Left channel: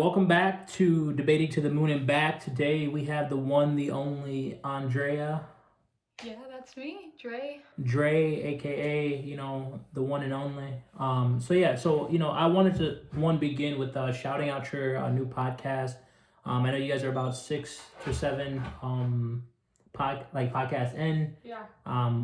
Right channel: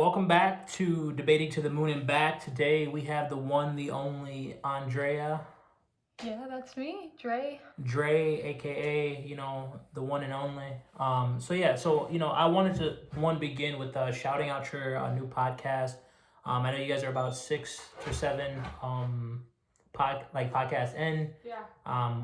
welcome back to Debating to the Moon and Back. Today we have the one, the only Andrea. Yeah, that's me, Dre. Dre, aka, the one and only. I wanted to begin with shouting out your new podcast. I know you guys are about 6 to 7 podcasts in. Yeah.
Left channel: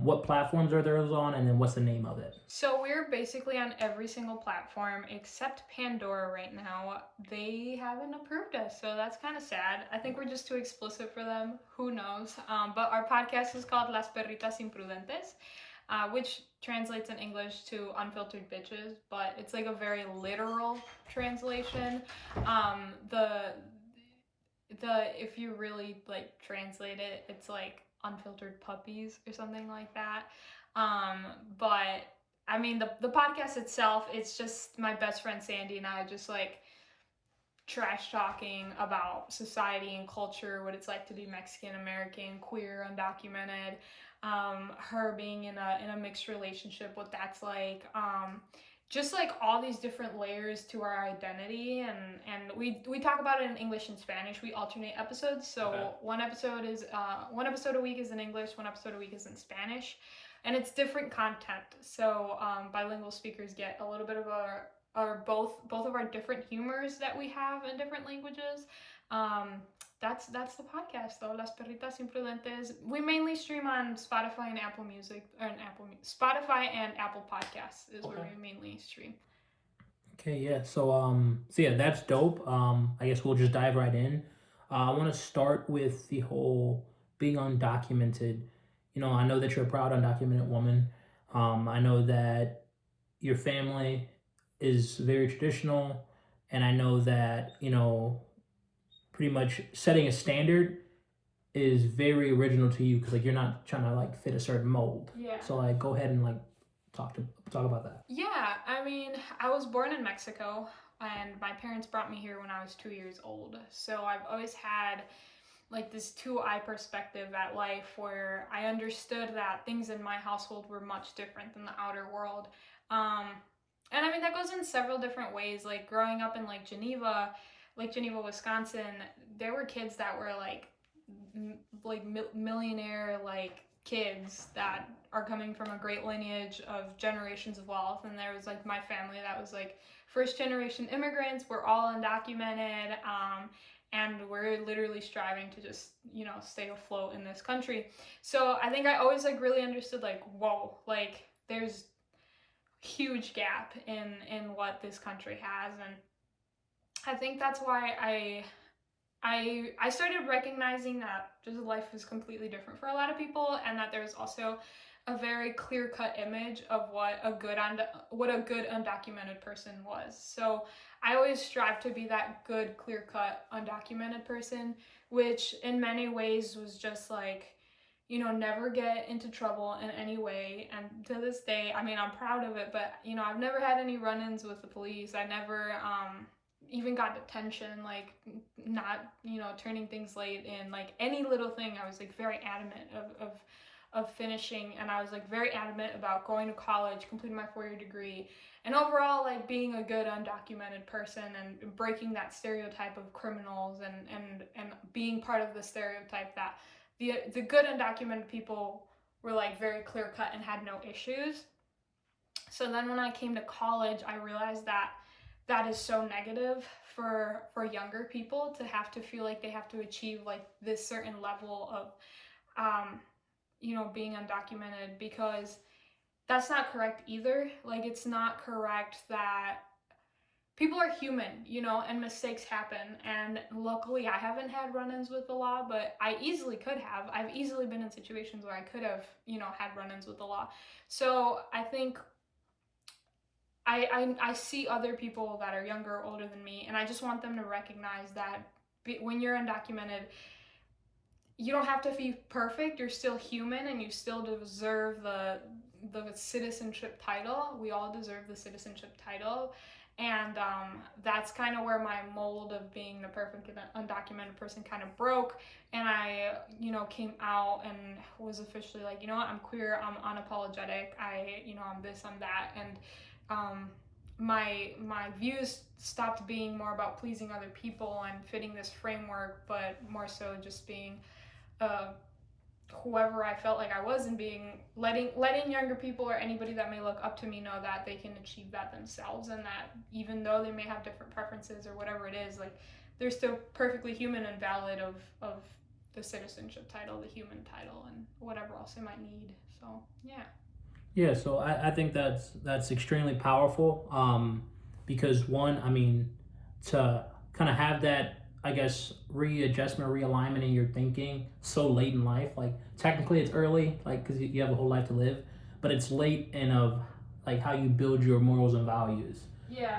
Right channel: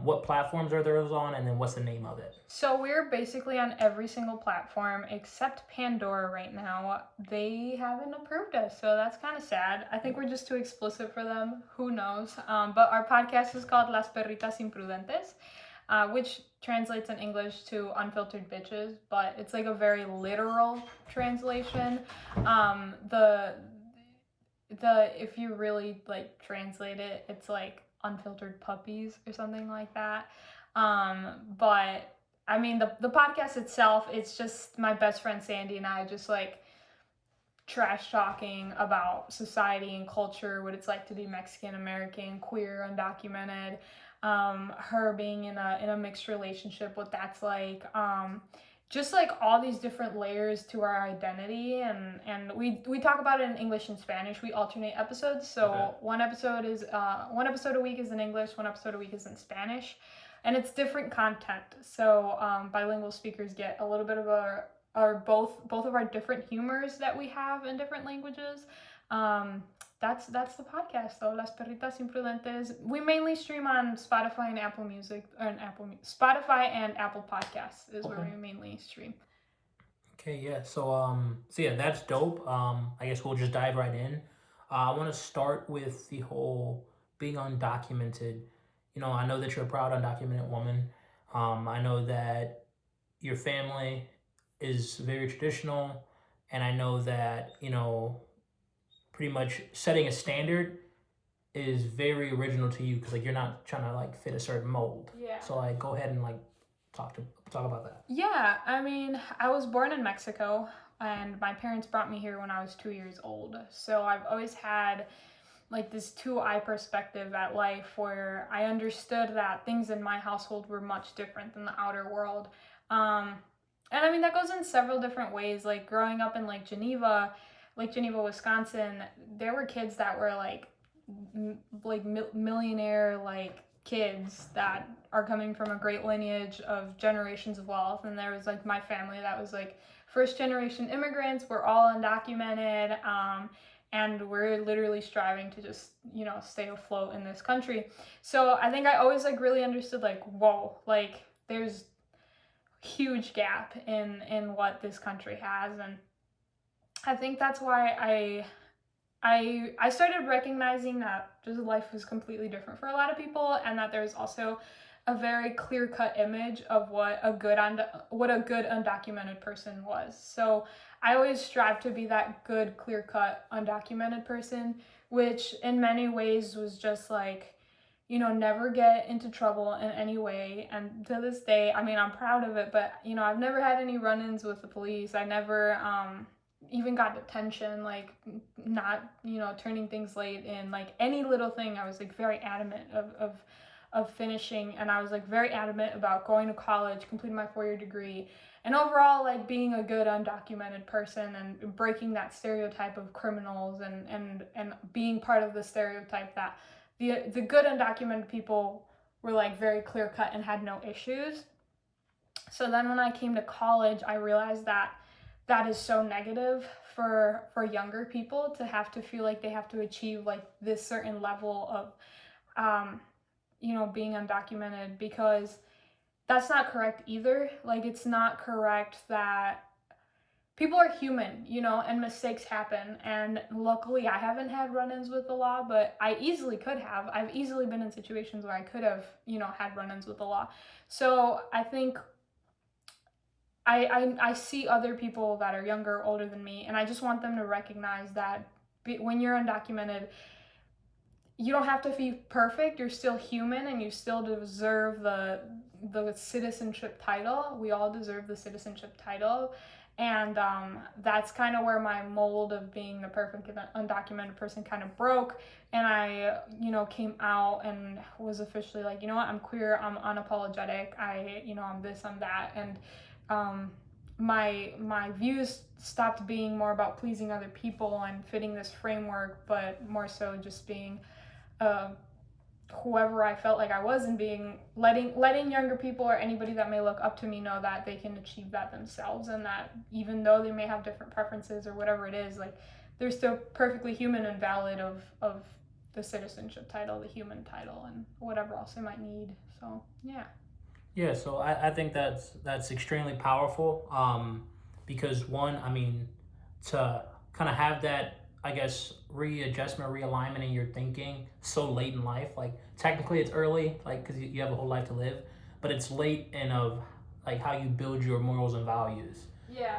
What platforms are those on, and then what's the name of it? So we're basically on every single platform except Pandora right now. They haven't approved us, so that's kind of sad. I think we're just too explicit for them. Who knows? But our podcast is called Las Perritas Imprudentes, which translates in English to unfiltered bitches, but it's like a very literal translation. The if you really like translate it, it's like unfiltered puppies or something like that. But I mean, the podcast itself, it's just my best friend Sandy and I just like trash talking about society and culture, what it's like to be Mexican American, queer, undocumented, her being in a mixed relationship, what that's like, just like all these different layers to our identity, and we talk about it in English and Spanish. We alternate episodes, so okay. one episode a week is in English, one episode a week is in Spanish, and it's different content. So bilingual speakers get a little bit of both of our different humors that we have in different languages. That's the podcast though, Las Perritas Imprudentes. We mainly stream on Spotify and Apple Music, Spotify and Apple Podcasts is where we mainly stream. Okay, yeah. So that's dope. I guess we'll just dive right in. I want to start with the whole being undocumented. I know that you're a proud undocumented woman. I know that your family is very traditional, and I know that pretty much setting a standard is very original to you because like you're not trying to like fit a certain mold. Yeah. So like go ahead and like talk about that. Yeah, I mean, I was born in Mexico and my parents brought me here when I was 2 years old. So I've always had like this 2-eye perspective at life where I understood that things in my household were much different than the outer world. And I mean, that goes in several different ways. Like growing up in Lake Geneva, Wisconsin, there were kids that were like millionaire like kids that are coming from a great lineage of generations of wealth. And there was like my family that was like first generation immigrants. We're all undocumented. And we're literally striving to just, stay afloat in this country. So I think I always like really understood like, whoa, like there's huge gap in what this country has. And I think that's why I started recognizing that just life was completely different for a lot of people, and that there's also a very clear-cut image of what a good undocumented person was. So I always strive to be that good, clear-cut, undocumented person, which in many ways was just like, never get into trouble in any way. And to this day, I mean, I'm proud of it, but, I've never had any run-ins with the police. I never even got detention, like not, turning things late in like any little thing. I was like very adamant of finishing, and I was like very adamant about going to college, completing my 4-year degree, and overall like being a good undocumented person and breaking that stereotype of criminals and being part of the stereotype that the good undocumented people were like very clear cut and had no issues. So then when I came to college, I realized that is so negative for younger people to have to feel like they have to achieve like this certain level of being undocumented, because that's not correct either. Like, it's not correct that people are human, and mistakes happen. And luckily I haven't had run-ins with the law, but I easily could have. I've easily been in situations where I could have, had run-ins with the law. So I think I see other people that are younger, older than me, and I just want them to recognize that when you're undocumented, you don't have to be perfect. You're still human, and you still deserve the citizenship title. We all deserve the citizenship title. And that's kind of where my mold of being the perfect undocumented person kind of broke. And I, came out and was officially like, I'm queer, I'm unapologetic, I'm this, I'm that. And my views stopped being more about pleasing other people and fitting this framework, but more so just being uh, whoever I felt like I was, and being letting younger people or anybody that may look up to me know that they can achieve that themselves, and that even though they may have different preferences or whatever it is, like they're still perfectly human and valid of the citizenship title, the human title, and whatever else they might need. So yeah. Yeah, so I think that's extremely powerful. Because one, I mean, to kind of have that, I guess, readjustment, realignment in your thinking so late in life. Like technically, it's early, like because you have a whole life to live, but it's late in of like how you build your morals and values. Yeah.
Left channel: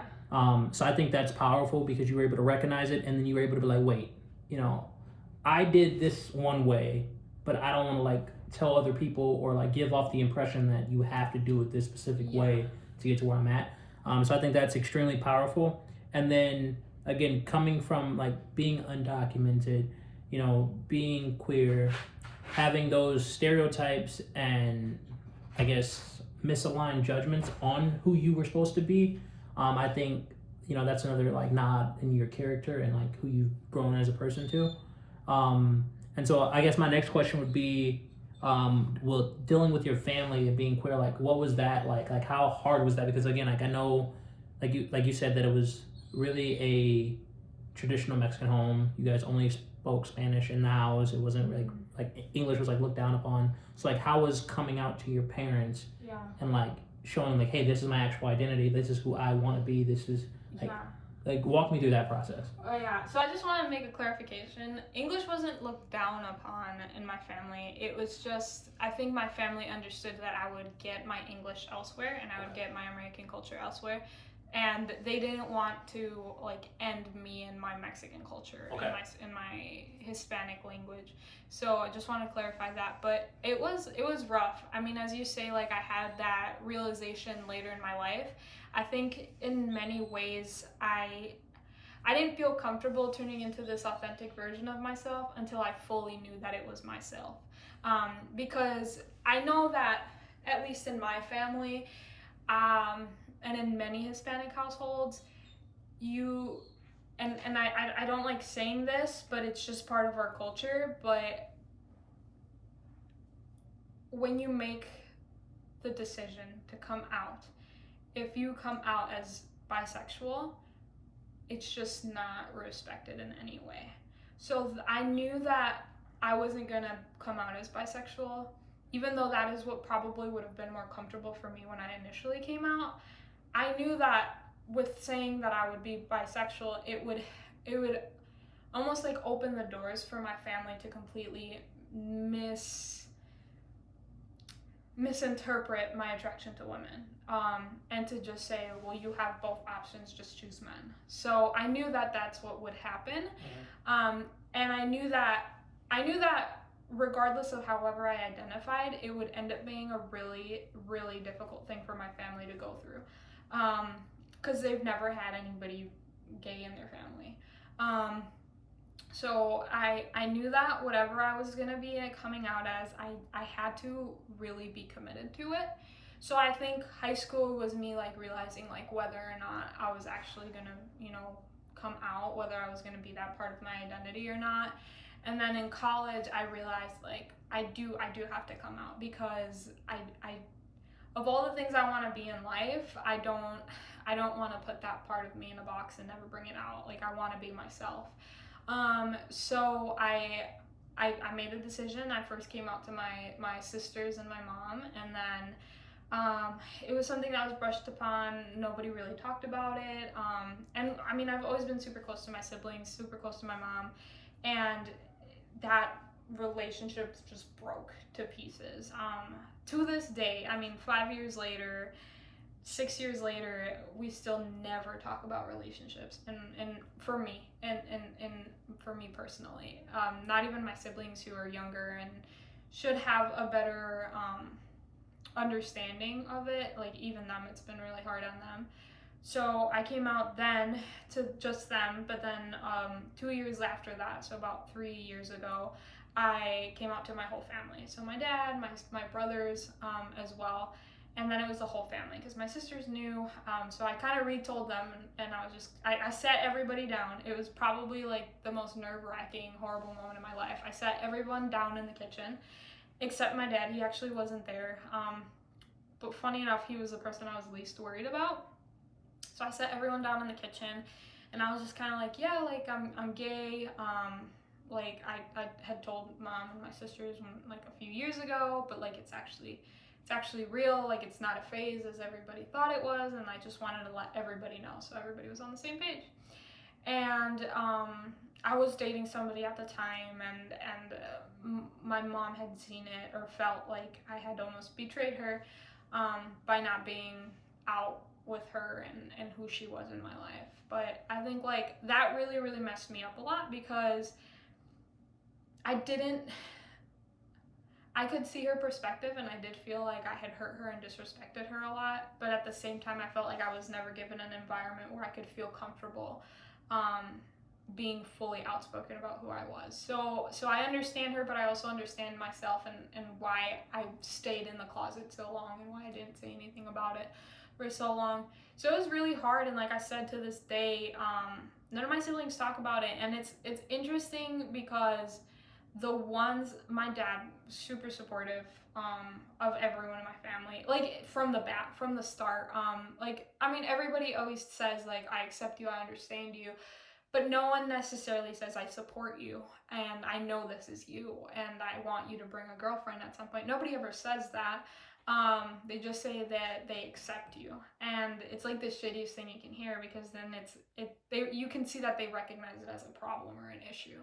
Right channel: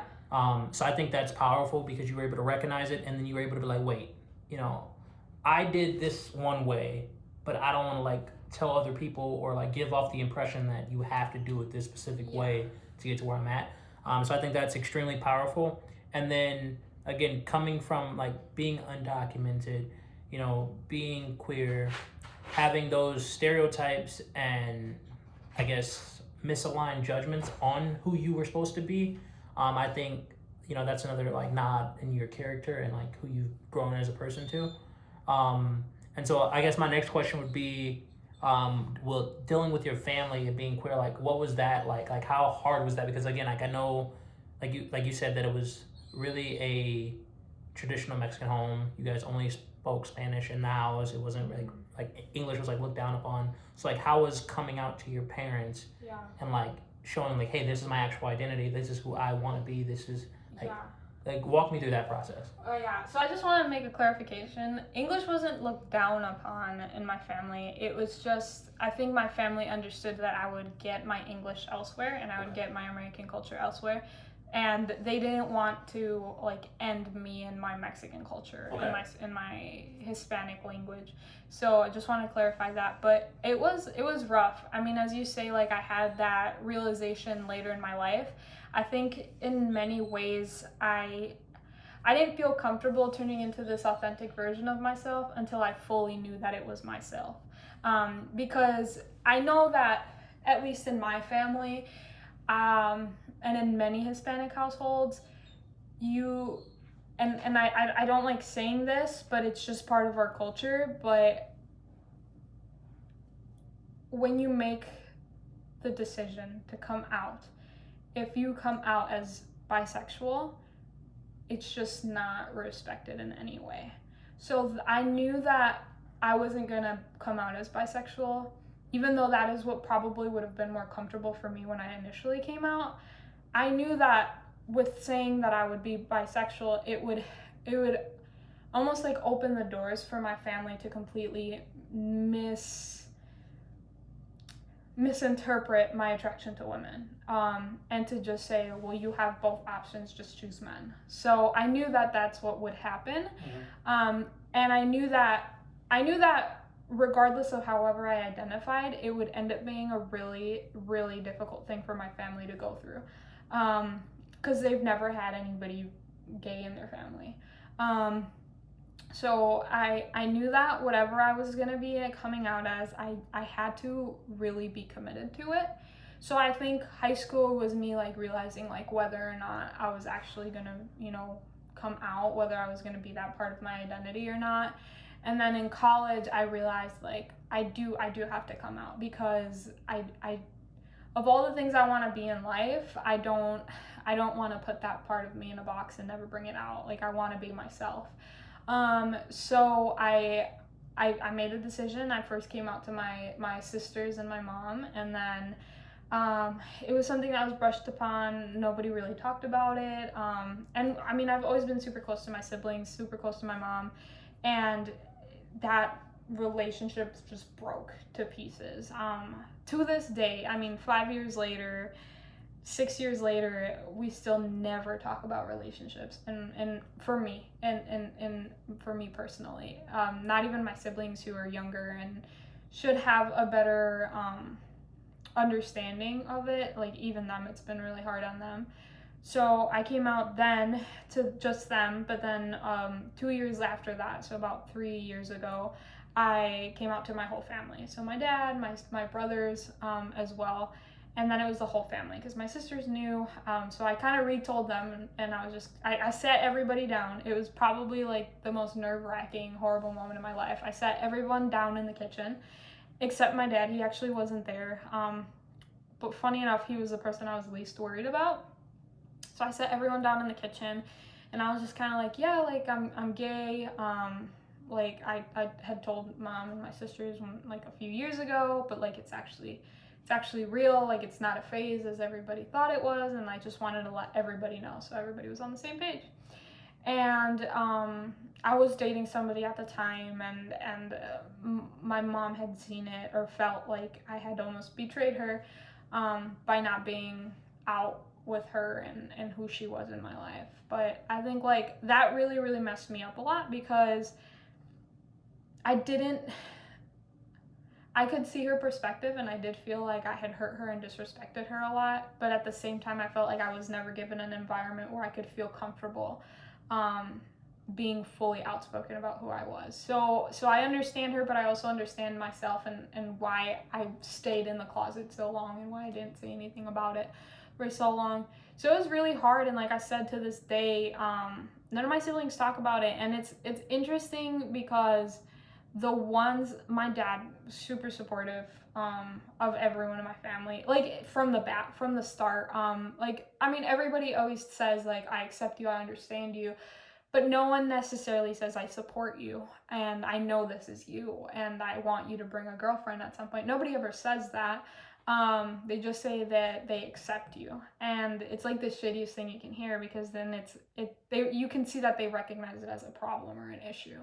So I think that's powerful because you were able to recognize it, and then you were able to be like, wait, you know, I did this one way, but I don't want to like tell other people or like give off the impression that you have to do it this specific way to get to where I'm at. So I think that's extremely powerful. And then again, coming from like being undocumented, you know, being queer, having those stereotypes and I guess misaligned judgments on who you were supposed to be. I think that's another like nod in your character and like who you've grown as a person too. Um, and so I guess my next question would be, well, dealing with your family and being queer, like what was that like? Like how hard was that? Because again, like I know, like you said that it was really a traditional Mexican home. You guys only spoke Spanish in the house. It wasn't like English was like looked down upon. So like how was coming out to your parents and like showing like, hey, this is my actual identity. This is who I want to be. This is like like walk me through that process. Oh yeah. So I just want to make a clarification. English wasn't looked down upon in my family. It was just I think my family understood that I would get my English elsewhere and I would get my American culture elsewhere. And they didn't want to like end me in my Mexican culture in my Hispanic language. So I just want to clarify that. But it was rough. I mean, as you say, like I had that realization later in my life. I think in many ways I didn't feel comfortable turning into this authentic version of myself until I fully knew that it was myself. Because I know that at least in my family, and in many Hispanic households, you and I don't like saying this, but it's just part of our culture. But when you make the decision to come out, if you come out as bisexual, it's just not respected in any way. So I knew that I wasn't gonna come out as bisexual, even though that is what probably would have been more comfortable for me when I initially came out. I knew that with saying that I would be bisexual, it would almost like open the doors for my family to completely misinterpret my attraction to women, and to just say, well, you have both options, just choose men. So I knew that that's what would happen. And I knew that regardless of however I identified, it would end up being a really, really difficult thing for my family to go through, because they've never had anybody gay in their family. So I knew that whatever I was going to be coming out as, I had to really be committed to it. So I think high school was me like realizing like whether or not I was actually going to, come out, whether I was going to be that part of my identity or not. And then in college, I realized like I do have to come out, because I of all the things I want to be in life, I don't want to put that part of me in a box and never bring it out. Like I want to be myself. So I made a decision. I first came out to my sisters and my mom, and then it was something that was brushed upon. Nobody really talked about it. And I mean, I've always been super close to my siblings, super close to my mom, and that relationship just broke to pieces. To this day, I mean, 5 years later, 6 years later, we still never talk about relationships, and for me, and for me personally, not even my siblings who are younger and should have a better understanding of it. Like even them, it's been really hard on them. So I came out then to just them, but then 2 years after that, so about 3 years ago, I came out to my whole family. So my dad, my brothers as well. and then it was the whole family because my sisters knew. So I kind of retold them, and I was just I sat everybody down. It was probably like the most nerve-wracking, horrible moment of my life. I sat everyone down in the kitchen except my dad. He actually wasn't there. But funny enough, he was the person I was least worried about. So I sat everyone down in the kitchen, and I was just kind of like, yeah, like I'm gay. Like I had told mom and my sisters like a few years ago, but like it's actually real. Like it's not a phase as everybody thought it was, and I just wanted to let everybody know so everybody was on the same page. And I was dating somebody at the time, and my mom had seen it or felt like I had almost betrayed her by not being out with her and who she was in my life. But I think like that really, really messed me up a lot because I could see her perspective, and I did feel like I had hurt her and disrespected her a lot. But at the same time, I felt like I was never given an environment where I could feel comfortable being fully outspoken about who I was. So I understand her, but I also understand myself and why I stayed in the closet so long and why I didn't say anything about it for so long. So it was really hard, and like I said, to this day, none of my siblings talk about it, and it's interesting because the ones, my dad super supportive of everyone in my family, like from the start. Like I mean, everybody always says like I accept you, I understand you, but no one necessarily says I support you and I know this is you and I want you to bring a girlfriend at some point. Nobody ever says that. They just say that they accept you, and it's like the shittiest thing you can hear because then you can see that they recognize it as a problem or an issue.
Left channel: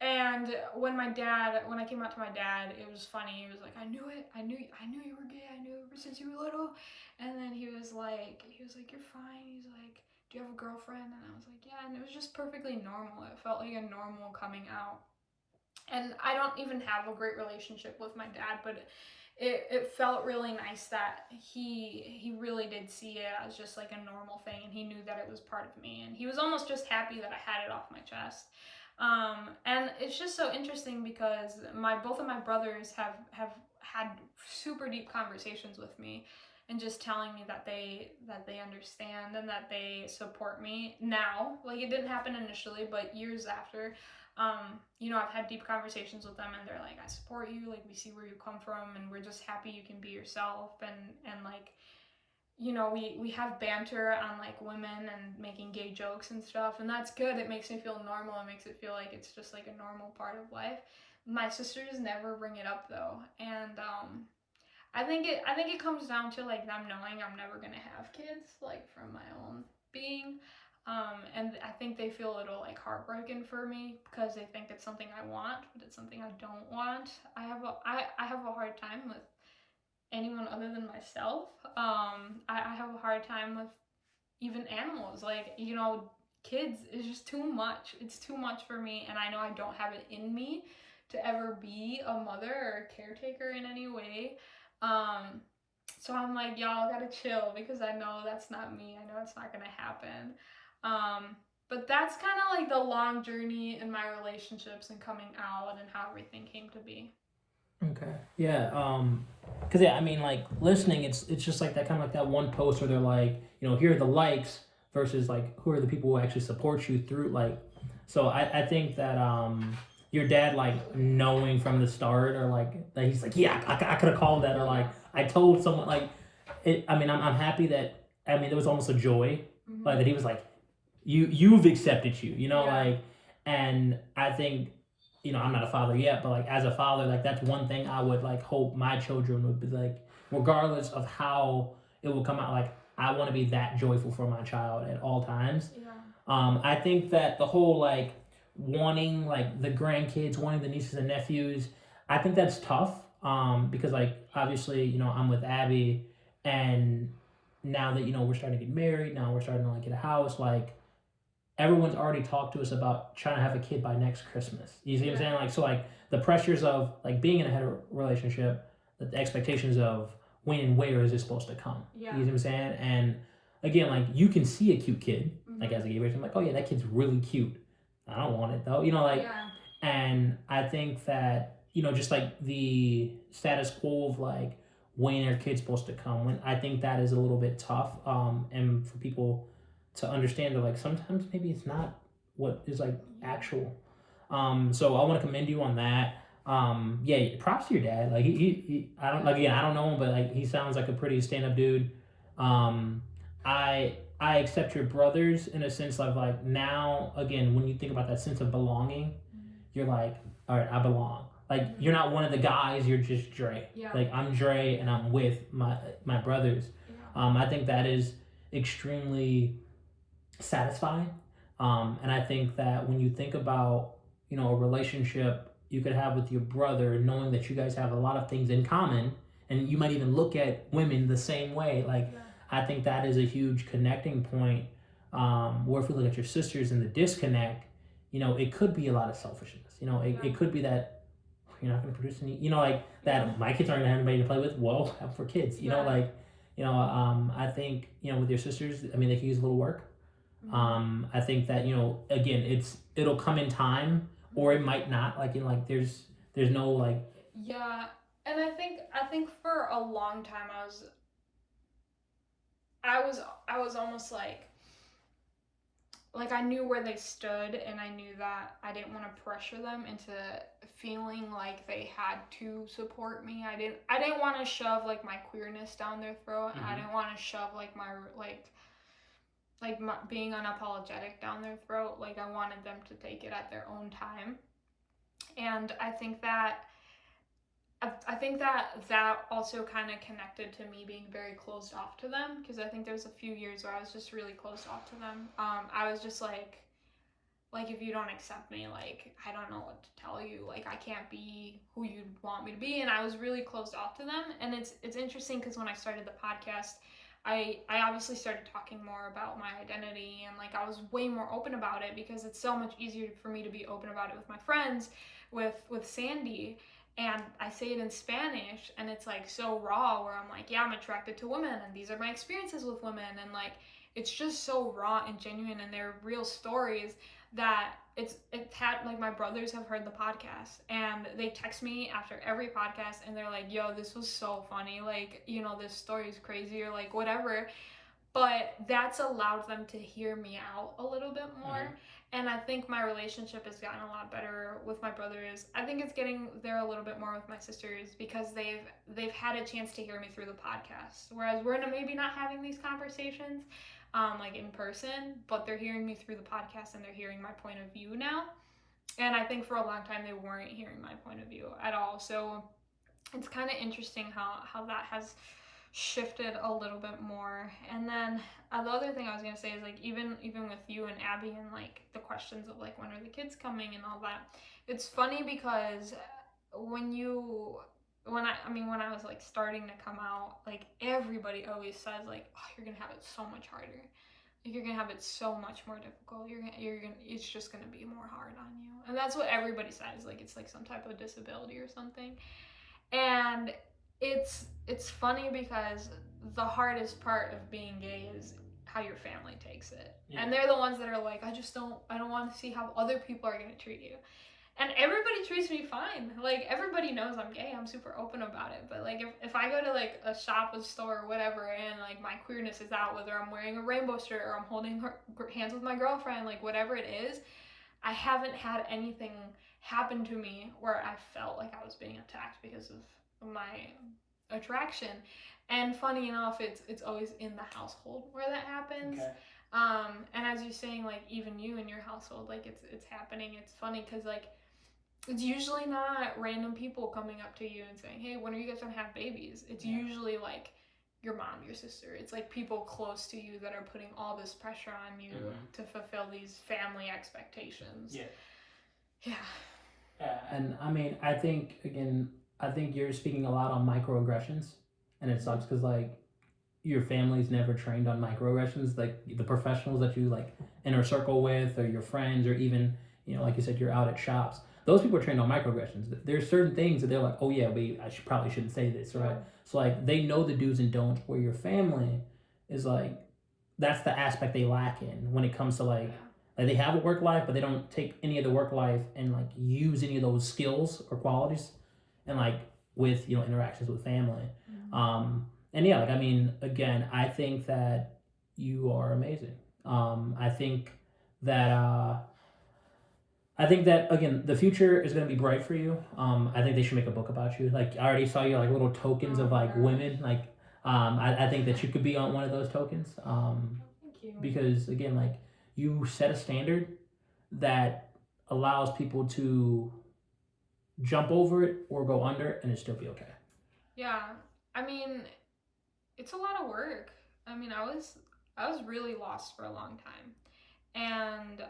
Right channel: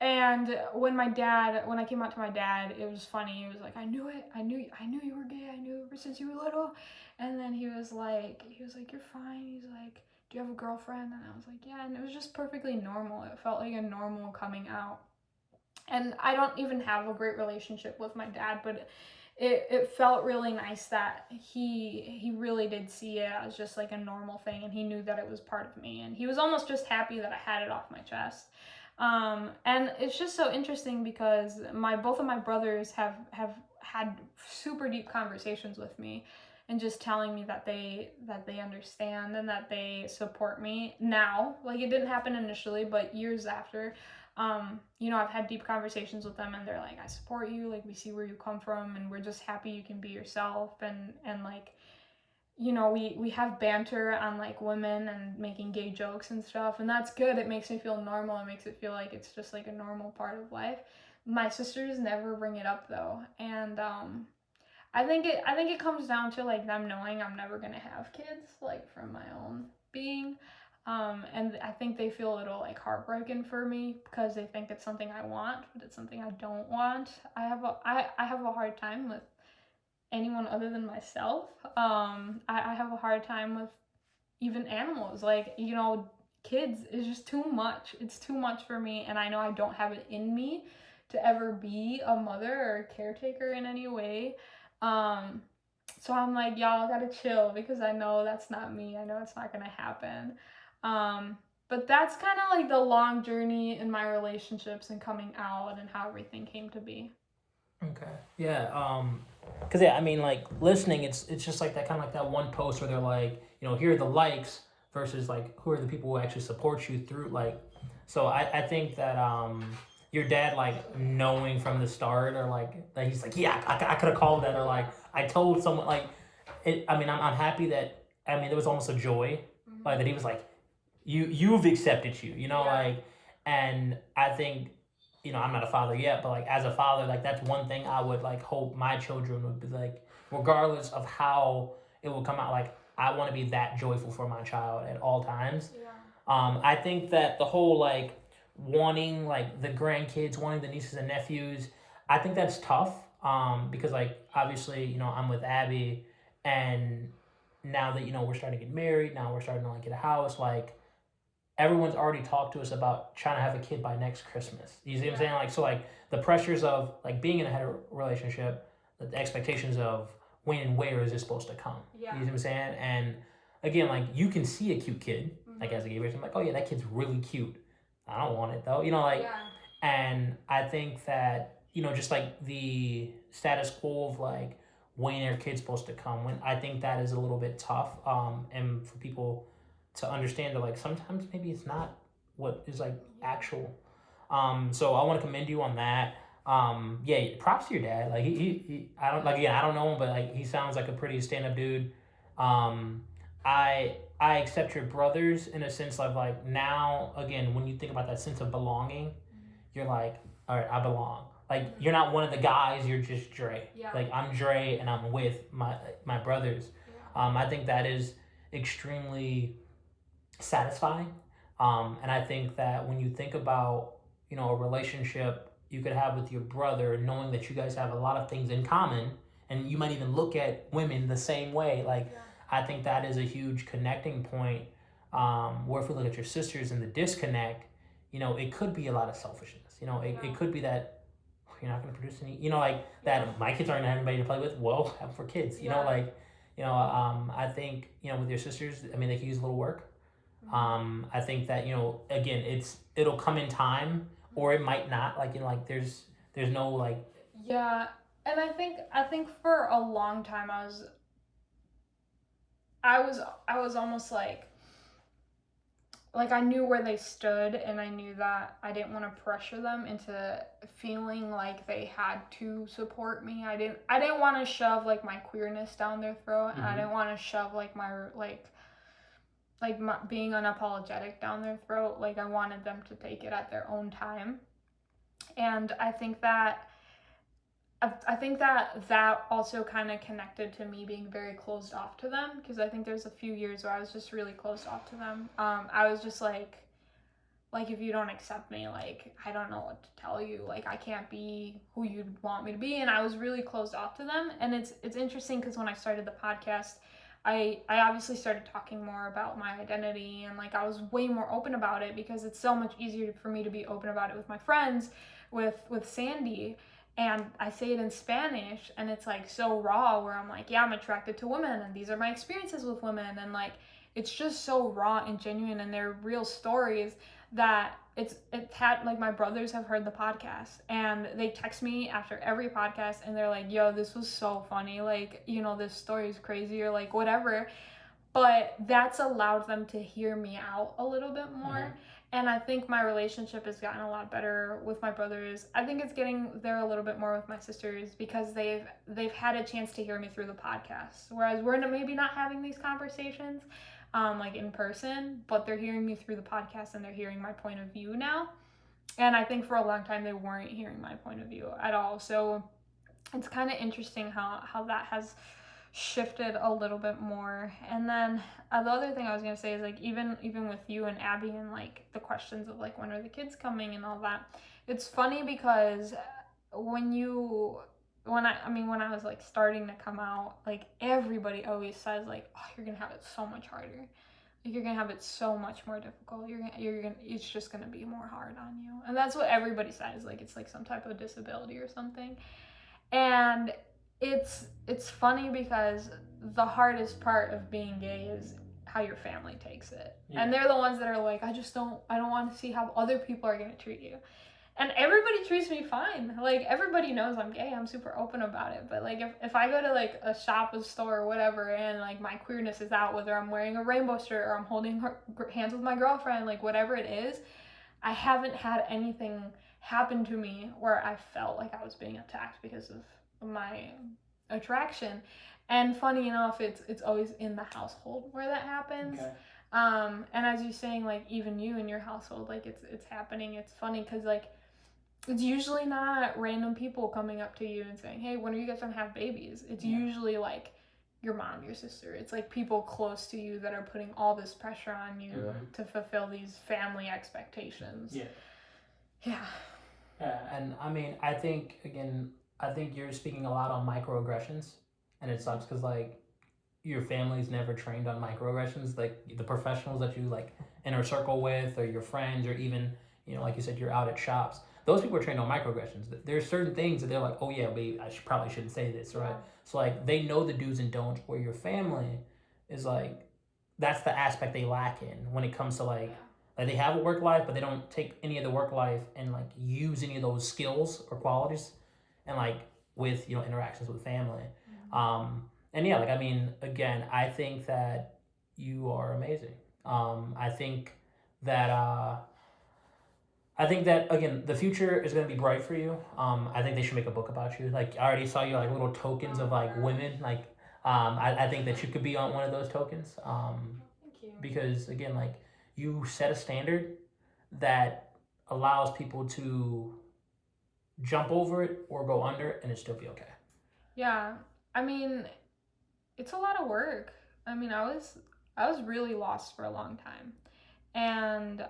And when I came out to my dad, it was funny. He was like, I knew it. I knew you were gay. I knew ever since you were little. And then he was like, you're fine. He's like, do you have a girlfriend? And I was like, yeah. And it was just perfectly normal. It felt like a normal coming out. And I don't even have a great relationship with my dad, but it felt really nice that he really did see it as just like a normal thing, and he knew that it was part of me, and he was almost just happy that I had it off my chest. And it's just so interesting because both of my brothers have had super deep conversations with me and just telling me that they understand and that they support me now. Like it didn't happen initially, but years after, I've had deep conversations with them, and they're like, I support you, like we see where you come from, and we're just happy you can be yourself, and like, we have banter on like women and making gay jokes and stuff, and that's good. It makes me feel normal. It makes it feel like it's just like a normal part of life. My sisters never bring it up though, and I think it comes down to like them knowing I'm never gonna have kids, like from my own being. And I think they feel a little like heartbroken for me because they think it's something I want, but it's something I don't want. I have a hard time with anyone other than myself. I have a hard time with even animals. Like, kids is just too much. It's too much for me, and I know I don't have it in me to ever be a mother or a caretaker in any way. So I'm like, y'all gotta chill because I know that's not me. I know it's not gonna happen. But that's kind of like the long journey in my relationships and coming out and how everything came to be. Okay. Yeah. Cause yeah, I mean, like listening, it's just like that kind of like that one post where they're like, here are the likes versus like who are the people who actually support you through like. So I think that your dad like knowing from the start or like that he's like yeah I could have called that or like I told someone like it. I mean I'm happy that there was almost a joy like that he was like you've accepted Yeah. like, and I think I'm not a father yet, but like as a father, like that's one thing I would like hope my children would be like, regardless of how it will come out, like I want to be that joyful for my child at all times. Yeah. I think that the whole like wanting like the grandkids, wanting the nieces and nephews, I think that's tough. Because like obviously, I'm with Abby, and now that we're starting to get married, now we're starting to like get a house, like everyone's already talked to us about trying to have a kid by next Christmas. You see what I'm saying? Like so like the pressures of like being in a hetero relationship, the expectations of when and where is it supposed to come. Yeah. You see what I'm saying? And again, like you can see a cute kid, like as a gay person, I'm like, oh yeah, that kid's really cute. I don't want it though. Yeah. And I think that, just like the status quo of like when are kids supposed to come? When I think that is a little bit tough, and for people to understand that like sometimes maybe it's not what is like actual. So I want to commend you on that. Yeah, props to your dad. Like I don't like again, I don't know him, but like he sounds like a pretty stand up dude. Um, I accept your brothers in a sense of like now again when you think about that sense of belonging, you're like, all right, I belong. Like you're not one of the guys, you're just Dre. Yeah. Like I'm Dre and I'm with my brothers. I think that is extremely satisfying. And I think that when you think about, a relationship you could have with your brother, knowing that you guys have a lot of things in common, and you might even look at women the same way. Like, I think that is a huge connecting point. Where if we look at your sisters and the disconnect, it could be a lot of selfishness. It could be that you're not going to produce any, like that my kids aren't going to have anybody to play with. Well, have for kids, I think, with your sisters, I mean, they can use a little work. I think that again, it'll come in time, or it might not. Like there's no like. Yeah, and I think for a long time I was almost like I knew where they stood, and I knew that I didn't want to pressure them into feeling like they had to support me. I didn't want to shove like my queerness down their throat, and I didn't want to shove like my being unapologetic down their throat. Like I wanted them to take it at their own time. And I think that that also kind of connected to me being very closed off to them, because I think there's a few years where I was just really closed off to them. I was just like if you don't accept me, like I don't know what to tell you. Like I can't be who you'd want me to be, and I was really closed off to them. And it's interesting because when I started the podcast, I obviously started talking more about my identity, and like I was way more open about it because it's so much easier for me to be open about it with my friends, with Sandy. And I say it in Spanish, and it's like so raw, where I'm like, yeah, I'm attracted to women, and these are my experiences with women, and like it's just so raw and genuine, and they're real stories that it's had like my brothers have heard the podcast, and they text me after every podcast, and they're like, yo, this was so funny, like this story is crazy, or like whatever. But that's allowed them to hear me out a little bit more. And I think my relationship has gotten a lot better with my brothers. I think it's getting there a little bit more with my sisters, because they've had a chance to hear me through the podcast, whereas we're maybe not having these conversations like in person, but they're hearing me through the podcast, and they're hearing my point of view now. And I think for a long time they weren't hearing my point of view at all. So it's kind of interesting how that has shifted a little bit more. And then the other thing I was gonna say is like even with you and Abby, and like the questions of like when are the kids coming and all that, it's funny because when I was like starting to come out, like everybody always says like, oh, you're gonna have it so much harder, like you're gonna have it so much more difficult, it's just gonna be more hard on you. And that's what everybody says, like it's like some type of disability or something. And it's funny because the hardest part of being gay is how your family takes it. Yeah. And they're the ones that are like, I don't want to see how other people are going to treat you. And everybody treats me fine. Like everybody knows I'm gay. I'm super open about it. But like if I go to like a shop, a store, or whatever, and like my queerness is out, whether I'm wearing a rainbow shirt or I'm holding hands with my girlfriend, like whatever it is, I haven't had anything happen to me where I felt like I was being attacked because of my attraction. And funny enough, it's always in the household where that happens. Okay. And as you're saying, like even you in your household, like it's happening. It's funny because like it's usually not random people coming up to you and saying, hey, when are you guys gonna have babies? It's usually like your mom, your sister. It's like people close to you that are putting all this pressure on you to fulfill these family expectations. Yeah. And I mean, I think you're speaking a lot on microaggressions, and it sucks because like your family's never trained on microaggressions. Like the professionals that you like inner circle with, or your friends, or even like you said, you're out at shops. Those people are trained on microaggressions. There's certain things that they're like, oh yeah, babe, probably shouldn't say this, right? So like they know the do's and don'ts. Where your family is like, that's the aspect they lack in when it comes to like they have a work life, but they don't take any of the work life and like use any of those skills or qualities, and like with interactions with family. And yeah, like I mean, again, I think that you are amazing. I think that I think that again, the future is going to be bright for you. I think they should make a book about you. Like I already saw your like little tokens of like women. Like I think that you could be on one of those tokens. Thank you. Because again, like you set a standard that allows people to jump over it or go under it and it still be okay. Yeah, I mean, it's a lot of work. I mean, I was really lost for a long time, and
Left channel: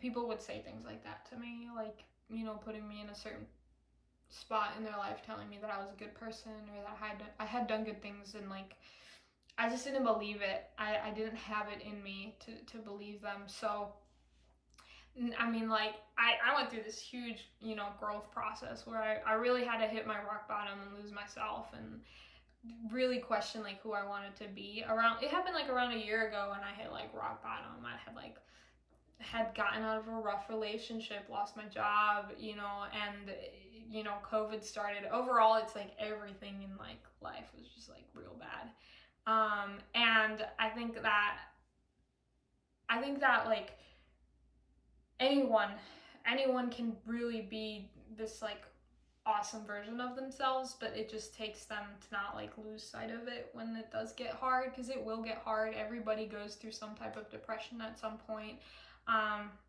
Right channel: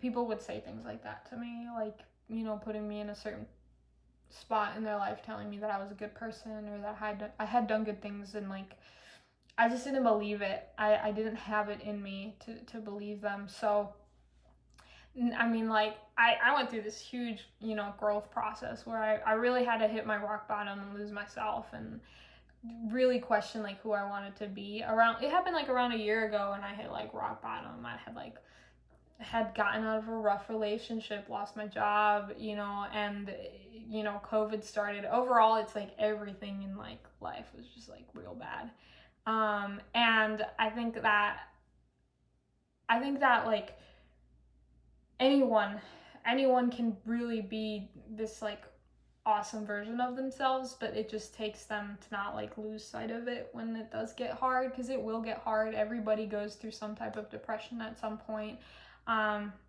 people would say things like that to me, like, you know, putting me in a certain spot in their life, telling me that I was a good person or that I had done good things, and like I just didn't believe it. I didn't have it in me to believe them. So I mean, like I went through this huge, you know, growth process where I really had to hit my rock bottom and lose myself and really question like who I wanted to be. Around it happened like around a year ago, and I hit like rock bottom. I had gotten out of a rough relationship, lost my job, you know, and you know, COVID started. Overall, it's like everything in like life was just like real bad. And I think that like anyone anyone can really be this like awesome version of themselves, but it just takes them to not like lose sight of it when it does get hard, because it will get hard. Everybody goes through some type of depression at some point.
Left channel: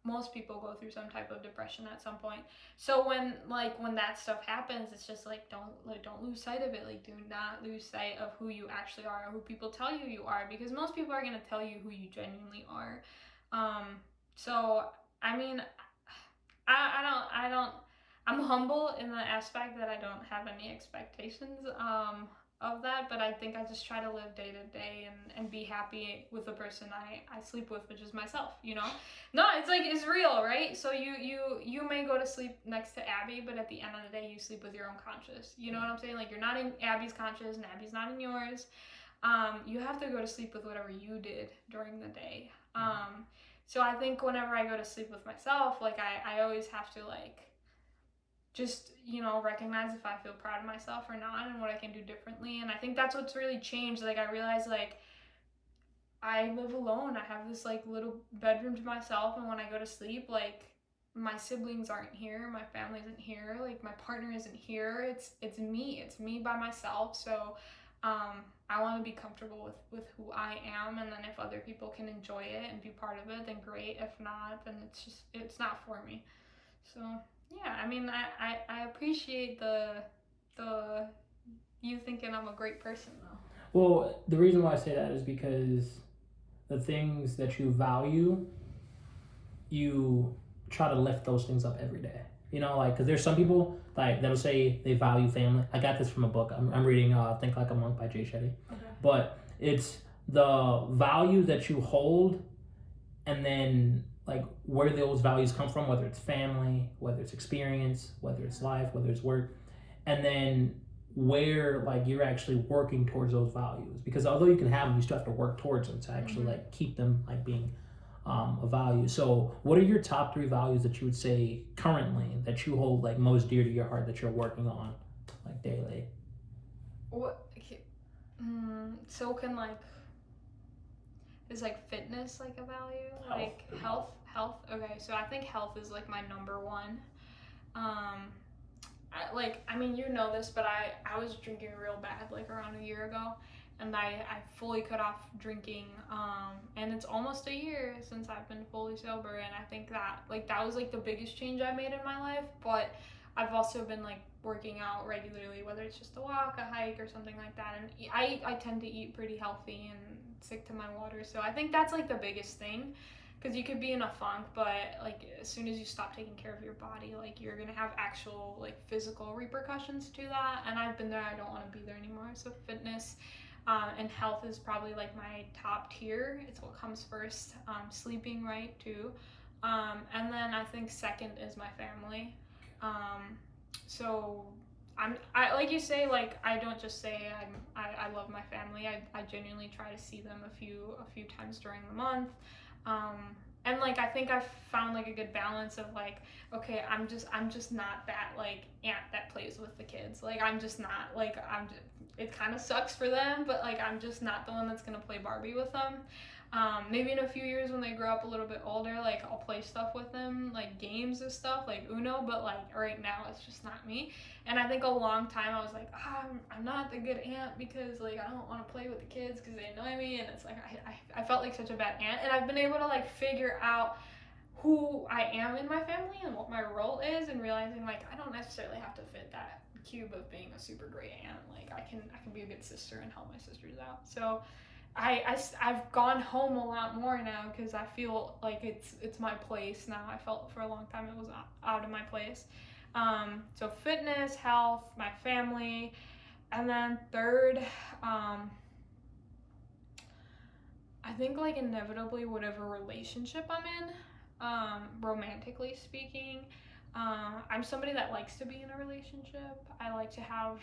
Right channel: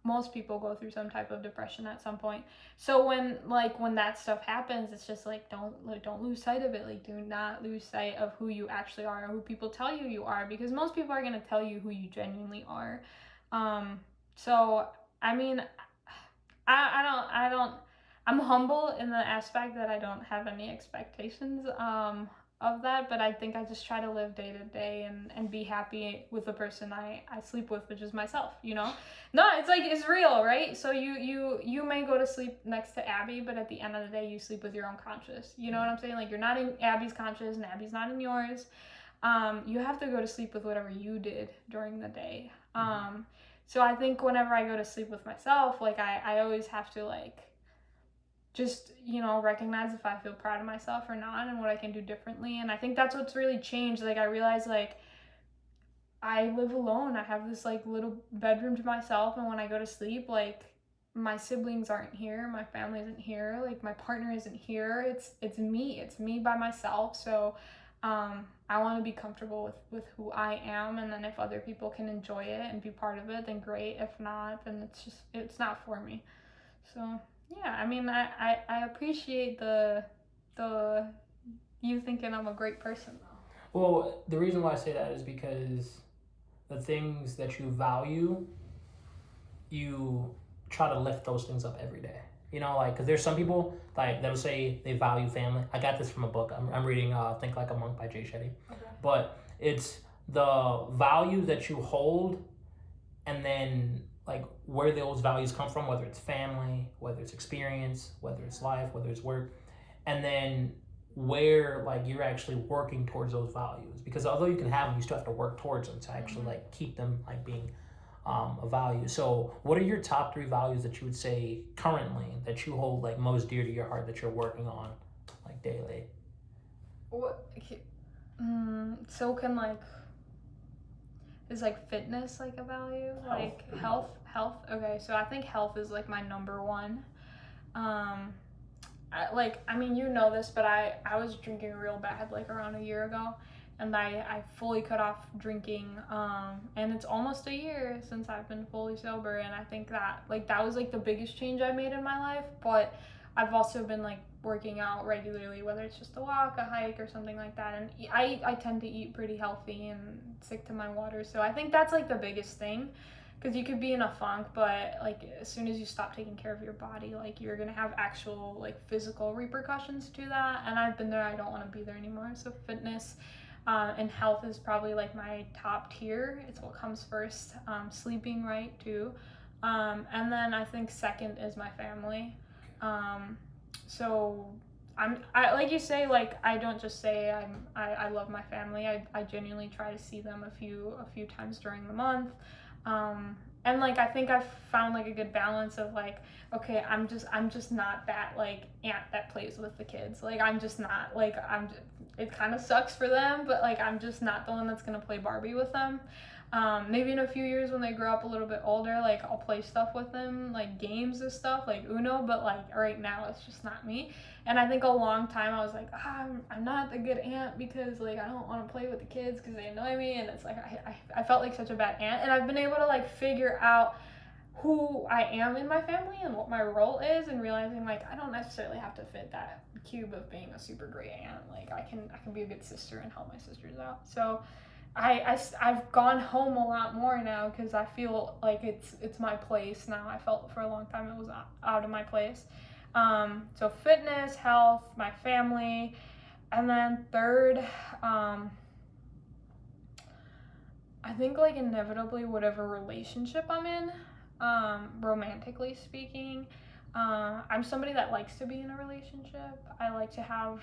Most people go through some type of depression at some point. So when that stuff happens, it's just like don't lose sight of it. Like do not lose sight of who you actually are, or who people tell you you are, because most people are gonna tell you who you genuinely are. So I mean, I don't. I'm humble in the aspect that I don't have any expectations of that, but I think I just try to live day to day and be happy with the person I sleep with, which is myself. You know, no, it's like it's real, right? So you may go to sleep next to Abby, but at the end of the day, you sleep with your own conscience. You know what I'm saying? Like you're not in Abby's conscience, and Abby's not in yours. You have to go to sleep with whatever you did during the day. So I think whenever I go to sleep with myself, like I always have to like just, you know, recognize if I feel proud of myself or not and what I can do differently. And I think that's what's really changed. Like I realized like I live alone. I have this like little bedroom to myself, and when I go to sleep, like my siblings aren't here, my family isn't here, like my partner isn't here. It's me by myself. So I want to be comfortable with who I am, and then if other people can enjoy it and be part of it, then great. If not, then it's not for me. So yeah, I mean, I appreciate the you thinking I'm a great person. Well, the reason why I say that is because the things that you value, you try to lift those things up every day. You know, like because there's some people like that will say they value family. I got this from a book. I'm reading Think Like a Monk by Jay Shetty, but it's the values that you hold, and then like where those values come from, whether it's family, whether it's experience, whether it's life, whether it's work, and then where like you're actually working towards those values, because although you can have them, you still have to work towards them to actually like keep them like being a value. So what are your top 3 values that you would say currently that you hold like most dear to your heart that you're working on like daily? What? So can like is like fitness like a value? Like health. Okay, so I think health is like my number one. Um, I mean, you know this, but I was drinking real bad like around a year ago, and I fully cut off drinking. And it's almost a year since I've been fully sober, and I think that like that was like the biggest change I made in my life. But I've also been like working out regularly, whether it's just a walk, a hike, or something like that. And I tend to eat pretty healthy and stick to my water, so I think that's like the biggest thing, because you could be in a funk, but like as soon as you stop taking care of your body, like you're gonna have actual like physical repercussions to that. And I've been there. I don't want to be there anymore. So fitness and health is probably like my top tier. It's what comes first. Sleeping right too, and then I think second is my family. So I like you say, like I don't just say I love my family. I genuinely try to see them a few times during the month. And like I think I've found like a good balance of like, okay, I'm just not that like aunt that plays with the kids. Like I'm just not like it kind of sucks for them, but like I'm just not the one that's gonna play Barbie with them. Maybe in a few years when they grow up a little bit older, like I'll play stuff with them, like games and stuff, like Uno. But like right now, it's just not me. And I think a long time I was like, I'm not the good aunt because like I don't want to play with the kids because they annoy me, and it's like I felt like such a bad aunt. And I've been able to like figure out who I am in my family and what my role is, and realizing like I don't necessarily have to fit that cube of being a super great aunt. Like I can be a good sister and help my sisters out. So I've gone home a lot more now because I feel like it's my place now. I felt for a long time it was out of my place. So fitness, health, my family, and then third, I think like inevitably whatever relationship I'm in, romantically speaking, I'm somebody that likes to be in a relationship. I like to have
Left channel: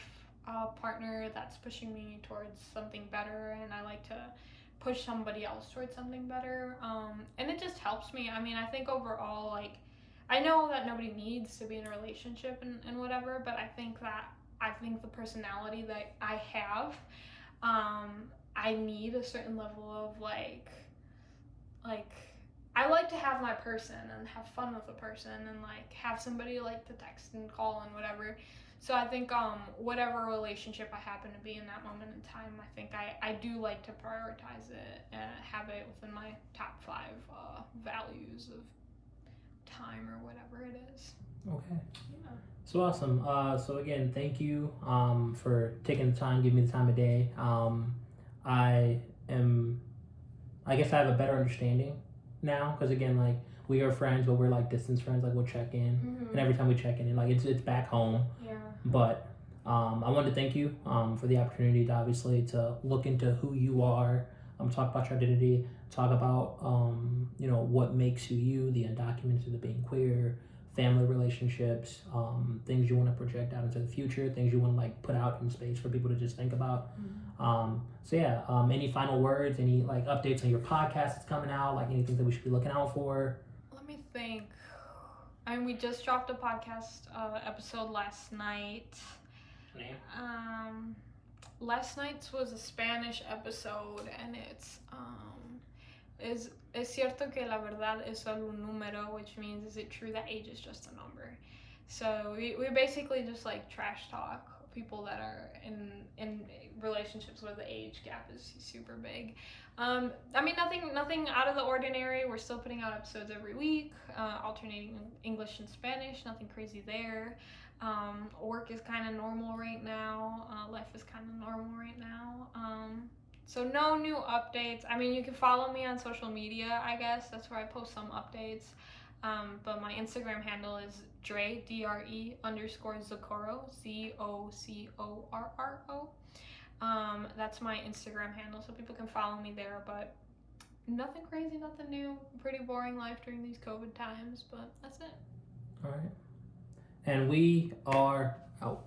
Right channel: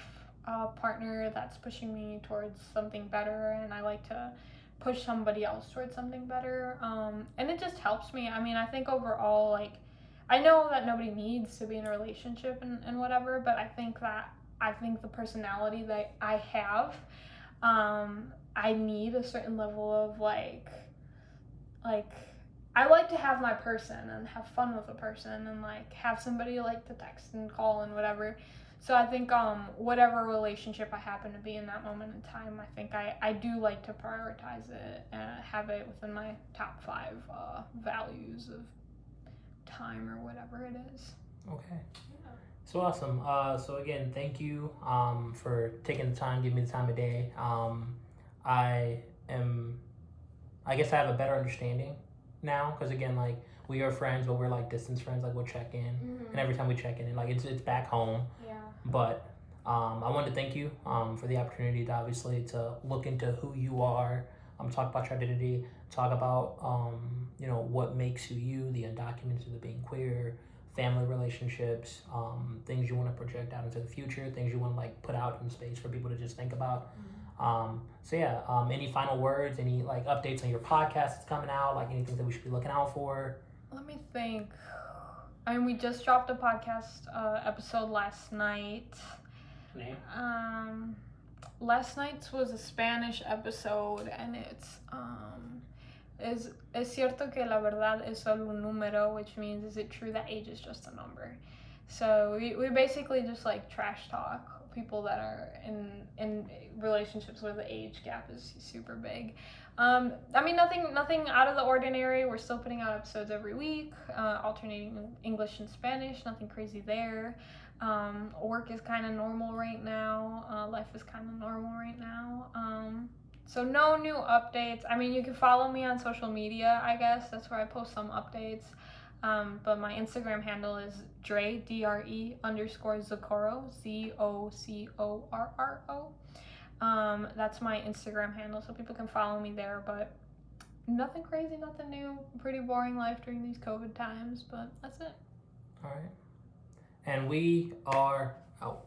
a partner that's pushing me towards something better, and I like to push somebody else towards something better. And it just helps me. I mean, I think overall, like, I know that nobody needs to be in a relationship and whatever, but I think the personality that I have, I need a certain level of like I like to have my person and have fun with a person and like have somebody like to text and call and whatever. So I think whatever relationship I happen to be in that moment in time, I think I do like to prioritize it and have it within my top 5 values of time or whatever it is. Okay. So awesome. So again, thank you for taking the time, giving me the time of day. I am, I guess I have a better understanding now because again, like we are friends, but we're like distance friends. Like we'll check in, and every time we check in, like it's back home. Yeah. But I wanted to thank you for the opportunity to obviously to look into who you are, talk about your identity, talk about what makes you you, the undocumented, the being queer, family relationships, things you want to project out into the future, things you want to like put out in space for people to just think about. So yeah, any final words, any like updates on your podcast that's coming out, like anything that we should be looking out for? Let me think. I mean, we just dropped a podcast episode last night. Name? Last night's was a Spanish episode, and it's es cierto que la verdad es solo un número, which means is it true that age is just a number? So we basically just like trash talk people that are in relationships where the age gap is super big. I mean, nothing out of the ordinary. We're still putting out episodes every week, alternating English and Spanish. Nothing crazy there. Work is kind of normal right now. Life is kind of normal right now. So no new updates. I mean, you can follow me on social media, I guess. That's where I post some updates. But my Instagram handle is Dre, D-R-E _Zocorro, ZOCORRO. That's my Instagram handle, so people can follow me there. But nothing crazy, nothing new. Pretty boring life during these COVID times, but that's it. All right. And we are out.